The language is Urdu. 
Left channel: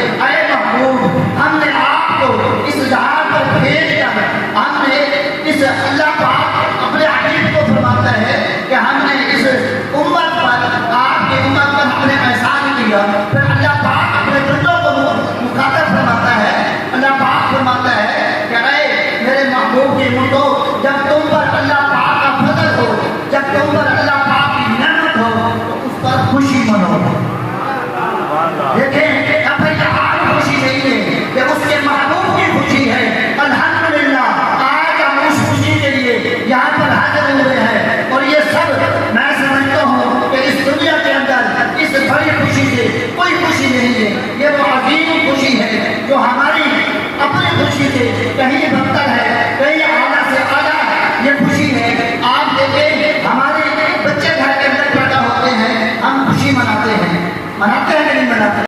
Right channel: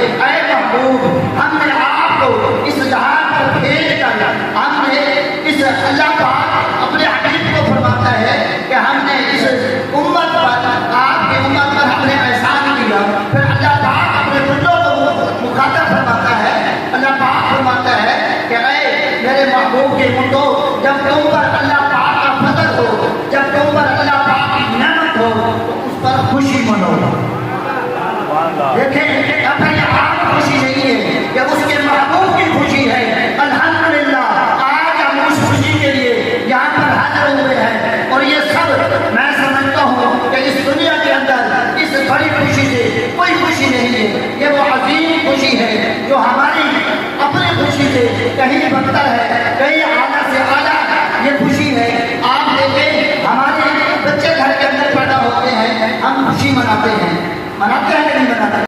اے محبوب ہم نے آپ کو اس جہاں پر بھیج کر ہم نے اس اللہ پاک اپنے حبیب کو فرماتا ہے کہ ہم نے اس امت پر آپ کی امت پر ہم نے احسان کیا. پھر اللہ پاک اپنے بندوں کو مخاطب فرماتا ہے. اللہ پاک فرماتا ہے کہ اے میرے محبوب کے بندوں جب تم پر اللہ پاک کا فضل ہو جب تم پر اللہ پاک کی نعمت ہو تو اس پر خوشی منو. دیکھیں اب آپ خوشی نہیں ہے کہ اس کے محبوب کی خوشی ہے. الحمدللہ آج ہم اس خوشی کے لیے یہاں پر حاضر ہوئے ہیں اور یہ سب میں سمجھتا ہوں کہ اس دنیا کے اندر اس بڑی خوشی سے کوئی خوشی نہیں ہے. یہ وہ عظیم خوشی ہے جو ہماری اپنی خوشی سے کہیں بدتر ہے, کہیں اعلیٰ سے اعلیٰ یہ خوشی ہے. آپ دیکھیں ہمارے بچے گھر کے اندر پیدا ہوتے ہیں, ہم خوشی مناتے ہیں کہ نہیں مناتے؟